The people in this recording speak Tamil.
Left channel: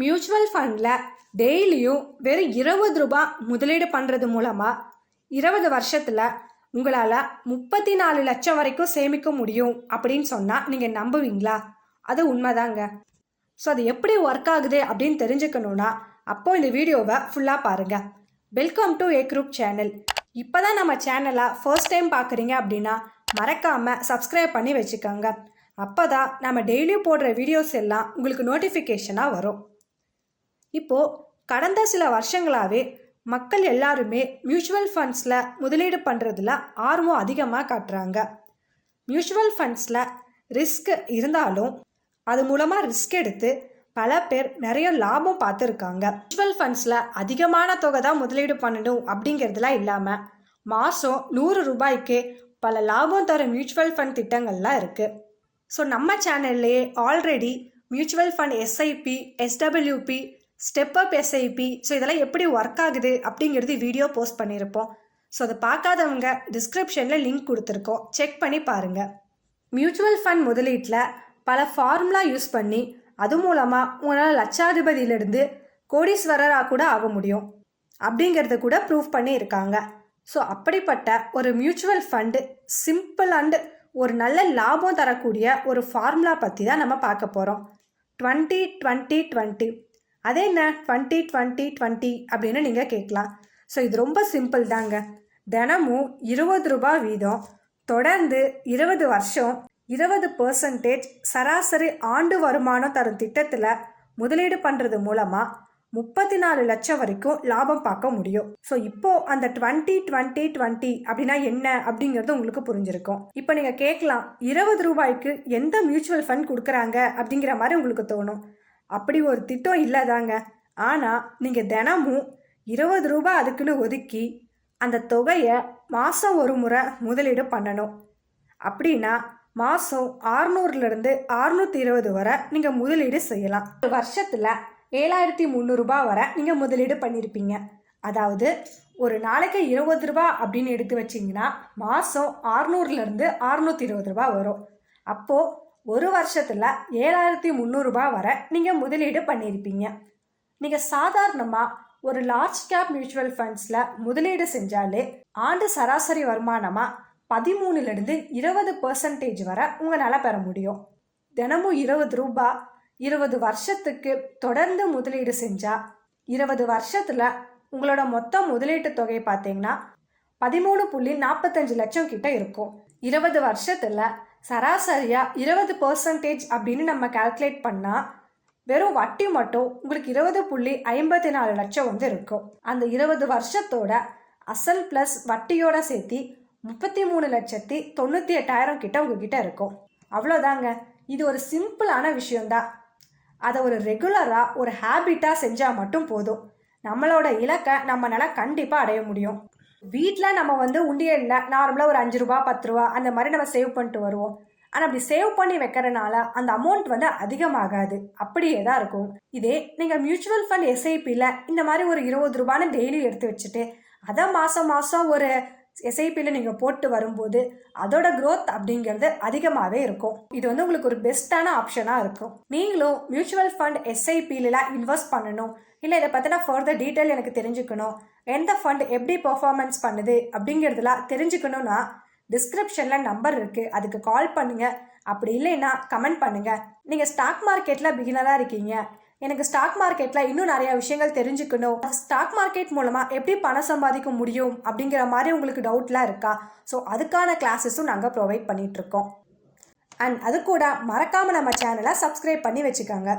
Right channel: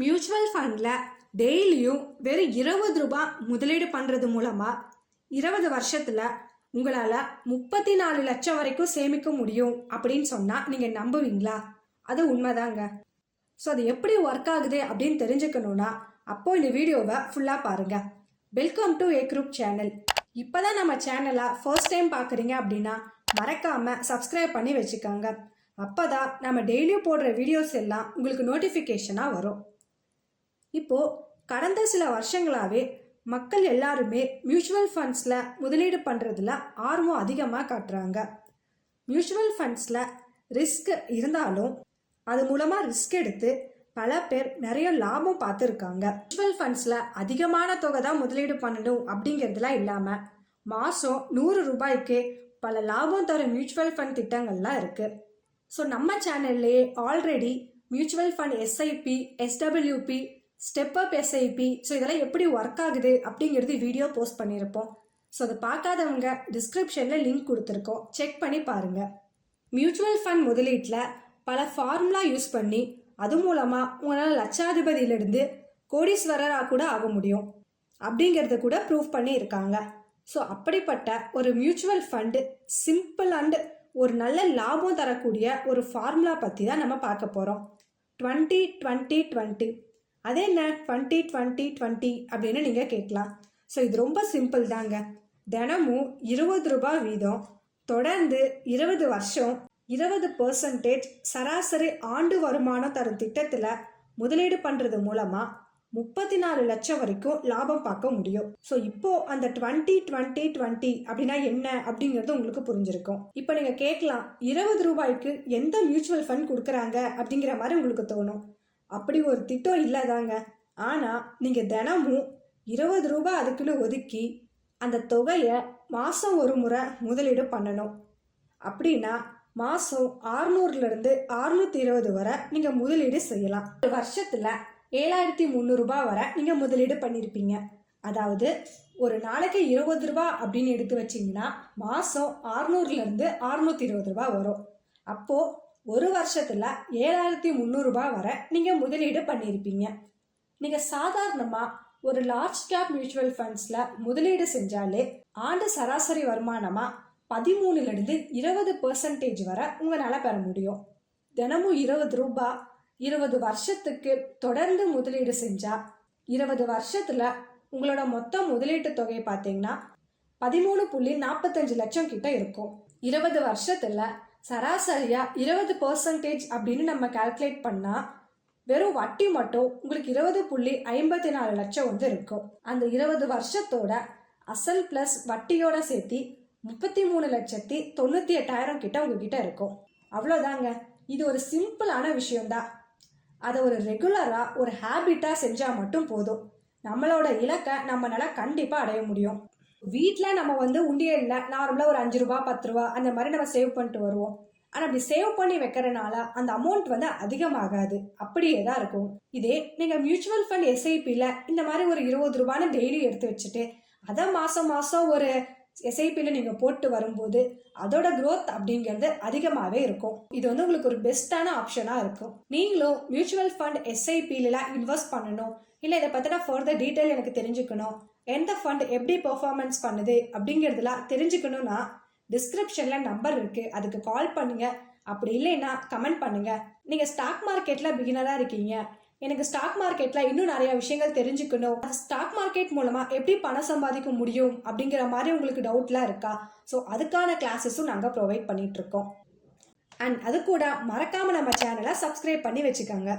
மியூச்சுவல் ஃபண்டில் டெய்லியும் வெறும் 20 ரூபாய் முதலீடு பண்ணுறது மூலமாக 20 வருஷத்தில் உங்களால் 34 லட்சம் வரைக்கும் சேமிக்க முடியும் அப்படின்னு சொன்னால் நீங்கள் நம்புவீங்களா? அது உண்மைதாங்க. ஸோ அது எப்படி ஒர்க் ஆகுது அப்படின்னு தெரிஞ்சுக்கணுன்னா அப்போது இந்த வீடியோவை ஃபுல்லாக பாருங்கள். Welcome to A group channel. இப்போ தான் நம்ம சேனலை ஃபர்ஸ்ட் டைம் பார்க்குறீங்க அப்படின்னா மறக்காமல் சப்ஸ்கிரைப் பண்ணி வச்சுக்கோங்க. அப்போ தான் நம்ம டெய்லியும் போடுற வீடியோஸ் எல்லாம் உங்களுக்கு நோட்டிஃபிகேஷனாக வரும். இப்போது கடந்த சில வருஷங்களாகவே மக்கள் எல்லாருமே மியூச்சுவல் ஃபண்ட்ஸில் முதலீடு பண்ணுறதுல ஆர்வம் அதிகமாக காட்டுறாங்க. மியூச்சுவல் ஃபண்ட்ஸில் ரிஸ்க் இருந்தாலும் அது மூலமாக ரிஸ்க் எடுத்து பல பேர் நிறைய லாபம் பார்த்துருக்காங்க. மியூச்சுவல் ஃபண்ட்ஸில் அதிகமான தொகை தான் முதலீடு பண்ணணும் அப்படிங்கிறதுலாம் இல்லாமல் மாதம் 100 ரூபாய்க்கு பல லாபம் தர மியூச்சுவல் ஃபண்ட் திட்டங்கள்லாம் இருக்குது. ஸோ நம்ம சேனல்லையே already mutual fund SIP, SWP, step up SIP, so இதெல்லாம் எப்படி ஒர்க் ஆகுது அப்படிங்கிறது வீடியோ போஸ்ட் பண்ணியிருப்போம். ஸோ அதை பார்க்காதவங்க டிஸ்கிரிப்ஷனில் லிங்க் கொடுத்துருக்கோம், செக் பண்ணி பாருங்கள். மியூச்சுவல் ஃபண்ட் முதலீட்டில் பல ஃபார்முலா யூஸ் பண்ணி அது மூலமாக உங்களால் லட்சாதிபதியிலிருந்து கோடீஸ்வரராக கூட ஆக முடியும் அப்படிங்கிறத கூட ப்ரூவ் பண்ணியிருக்காங்க. ஸோ அப்படிப்பட்ட ஒரு மியூச்சுவல் ஃபண்டு சிம்பிள் அண்டு ஒரு நல்ல லாபம் தரக்கூடிய ஒரு ஃபார்முலா பற்றி தான் நம்ம பார்க்க போகிறோம். 20-20-20. அதே என்ன 20-20-20 அப்படின்னு நீங்கள் கேட்கலாம். ஸோ இது ரொம்ப சிம்பிள் தாங்க. தினமும் 20 ரூபாய் வீதம் தொடர்ந்து 20 வருஷம் 20% சராசரி ஆண்டு வருமானம் தரும் திட்டத்தில் முதலீடு பண்ணுறது மூலமாக 34 லட்சம் வரைக்கும் லாபம் பார்க்க முடியும். ஸோ இப்போ அந்த 20-20-20 அப்படின்னா என்ன அப்படிங்கிறது உங்களுக்கு புரிஞ்சிருக்கும். இப்போ நீங்கள் கேட்கலாம், 20 ரூபாய்க்கு எந்த மியூச்சுவல் ஃபண்ட் கொடுக்குறாங்க அப்படிங்கிற மாதிரி உங்களுக்கு தோணும். அப்படி ஒரு திட்டம் இல்லைதாங்க. ஆனால் நீங்கள் தினமும் 20 ரூபாய் அதுக்குன்னு ஒதுக்கி அந்த தொகையை மாதம் ஒரு முறை முதலீடு பண்ணணும். அப்படின்னா மாதம் 600லேருந்து 620 வரை நீங்கள் முதலீடு செய்யலாம். ஒரு வருஷத்தில் 7300 ரூபாய் வரை நீங்கள் முதலீடு பண்ணியிருப்பீங்க. அதாவது ஒரு நாளைக்கு 20 ரூபாய் அப்படின்னு எடுத்து வச்சிங்கன்னா மாதம் 600லேருந்து 620 ரூபாய் வரும். அப்போது ஒரு வருஷத்தில் 7300 ரூபாய் வரை நீங்கள் முதலீடு பண்ணியிருப்பீங்க. நீங்கள் சாதாரணமாக ஒரு லார்ஜ் கேப் மியூச்சுவல் ஃபண்ட்ஸில் முதலீடு செஞ்சாலே ஆண்டு சராசரி வருமானமாக 13லேருந்து 20% வரை உங்களால் பெற முடியும். தினமும் 20 ரூபாய் 20 வருஷத்துக்கு தொடர்ந்து முதலீடு செஞ்சால் 20 வருஷத்தில் உங்களோட மொத்த முதலீட்டு தொகை பார்த்தீங்கன்னா 13.45 லட்சம் கிட்ட இருக்கும். 20 வருஷத்தில் சராசரியாக 20% அப்படின்னு நம்ம கால்குலேட் பண்ணால் வெறும் வட்டி மட்டும் உங்களுக்கு 20.54 லட்சம் இருக்கும். அந்த 20 வருஷத்தோட அசல் ப்ளஸ் வட்டியோட சேர்த்து 33,98,000 கிட்ட உங்ககிட்ட இருக்கும். அவ்வளோதாங்க. இது ஒரு சிம்பிளான விஷயம்தான். அதை ஒரு ரெகுலராக ஒரு ஹேபிட்டாக செஞ்சால் மட்டும் போதும். நம்மளோட இலக்கை நம்மளால் கண்டிப்பாக அடைய முடியும். வீட்டில் நம்ம உண்டியலில் நார்மலாக ஒரு 5 ரூபா 10 ரூபா அந்த மாதிரி நம்ம சேவ் பண்ணிட்டு வருவோம். ஆனால் அப்படி சேவ் பண்ணி வைக்கிறதுனால அந்த அமௌண்ட் அதிகமாகாது, அப்படியே தான் இருக்கும். இதே நீங்கள் மியூச்சுவல் ஃபண்ட் எஸ்ஐபியில் இந்த மாதிரி ஒரு 20 ரூபான்னு டெய்லி எடுத்து வச்சுட்டு அதை மாதம் ஒரு எஸ்ஐபியில் நீங்கள் போட்டு வரும்போது அதோட க்ரோத் அப்படிங்கிறது அதிகமாகவே இருக்கும். இது உங்களுக்கு ஒரு பெஸ்ட்டான ஆப்ஷனாக இருக்கும். நீங்களும் மியூச்சுவல் ஃபண்ட் எஸ்ஐபியிலாம் இன்வெஸ்ட் பண்ணணும், இல்லை இதை பற்றின ஃபர்தர் டீட்டெயில் எனக்கு தெரிஞ்சுக்கணும், எந்த ஃபண்ட் எப்படி பெர்ஃபார்மன்ஸ் பண்ணுது அப்படிங்கிறதுலாம் தெரிஞ்சுக்கணுன்னா டிஸ்கிரிப்ஷனில் நம்பர் இருக்குது, அதுக்கு கால் பண்ணுங்கள். அப்படி இல்லைன்னா கமெண்ட் பண்ணுங்கள். நீங்கள் ஸ்டாக் மார்க்கெட்டில் பிகினராக இருக்கீங்க, எனக்கு ஸ்டாக் மார்க்கெட்டில் இன்னும் நிறைய விஷயங்கள் தெரிஞ்சுக்கணும், ஸ்டாக் மார்க்கெட் மூலமாக எப்படி பணம் சம்பாதிக்க முடியும் அப்படிங்கிற மாதிரி உங்களுக்கு டவுட்லாம் இருக்கா? ஸோ அதுக்கான கிளாஸஸும் நாங்கள் ப்ரொவைட் பண்ணிகிட்ருக்கோம். அண்ட் அது கூட மறக்காமல் நம்ம சேனலை சப்ஸ்கிரைப் பண்ணி வச்சுக்கோங்க.